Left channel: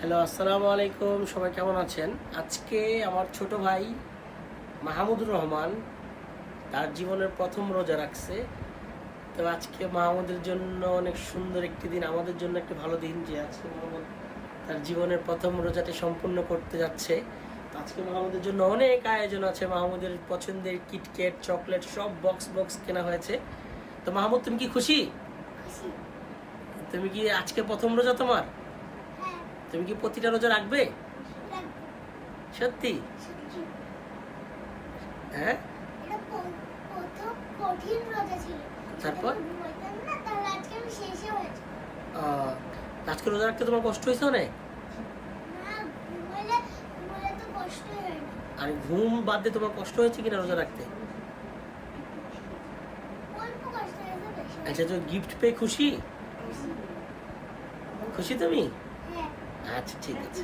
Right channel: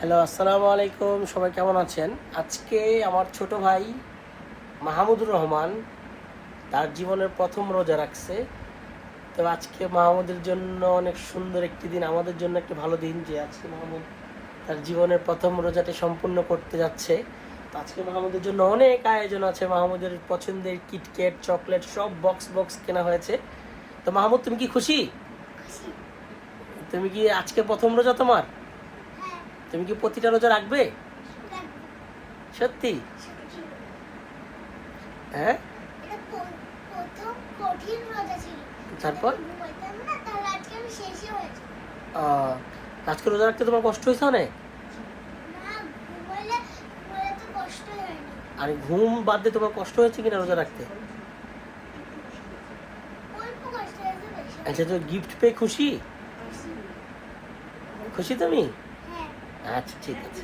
Hello, আসসালামু আলাইকুম। সবাই কেমন আছেন? আজকে আমার ছোট ভাই মাহমুদুর রহমান তার জীবনের প্রথম রোজা রাখছে। তো আজকে মাহমুদের জন্য অনেক সুন্দর একটি দিন, আমাদের জন্য একটি ভালো দিন যে আজকে মাহমুদ তার জীবনের প্রথম রোজাটি সম্পূর্ণ করতে যাচ্ছে। তো আজকে মাহমুদের জন্য অনেক আয়োজন আছে। মাহমুদের পছন্দের কিটক্যাট, চকলেট সব বক্স বক্স কেনা হয়েছে। তো মাহমুদ, তুমি কি খুশি? খুশি। তুমি কি আজকে প্রথম রোজা তোমার? হ্যাঁ, তুমি কি প্রতিটা রোজা রাখবে? লাগবে। সত্যি? সত্যি। হ্যাঁ। এটা প্রথম কঠিন রোজা ছিল। তারপর? যখন ঘুমাইতাম না, তাহলে আজকে আমি শেষে হয়েছে। আজকে রোজা রাখতে তোমার কষ্ট হয়েছে অনেক? না, ঘুমাইলে তো কষ্টই হয় না। আর ঘুম বাদ দিয়ে তোমার কষ্ট হয়েছে কিনা রোজা রাখতে? অল্প কষ্ট হয়েছে, বেশি আচ্ছা, তো গিফট পেয়ে খুশি? খুশি। খুশি তুমি? হ্যাঁ। আচ্ছা, ঠিক আছে।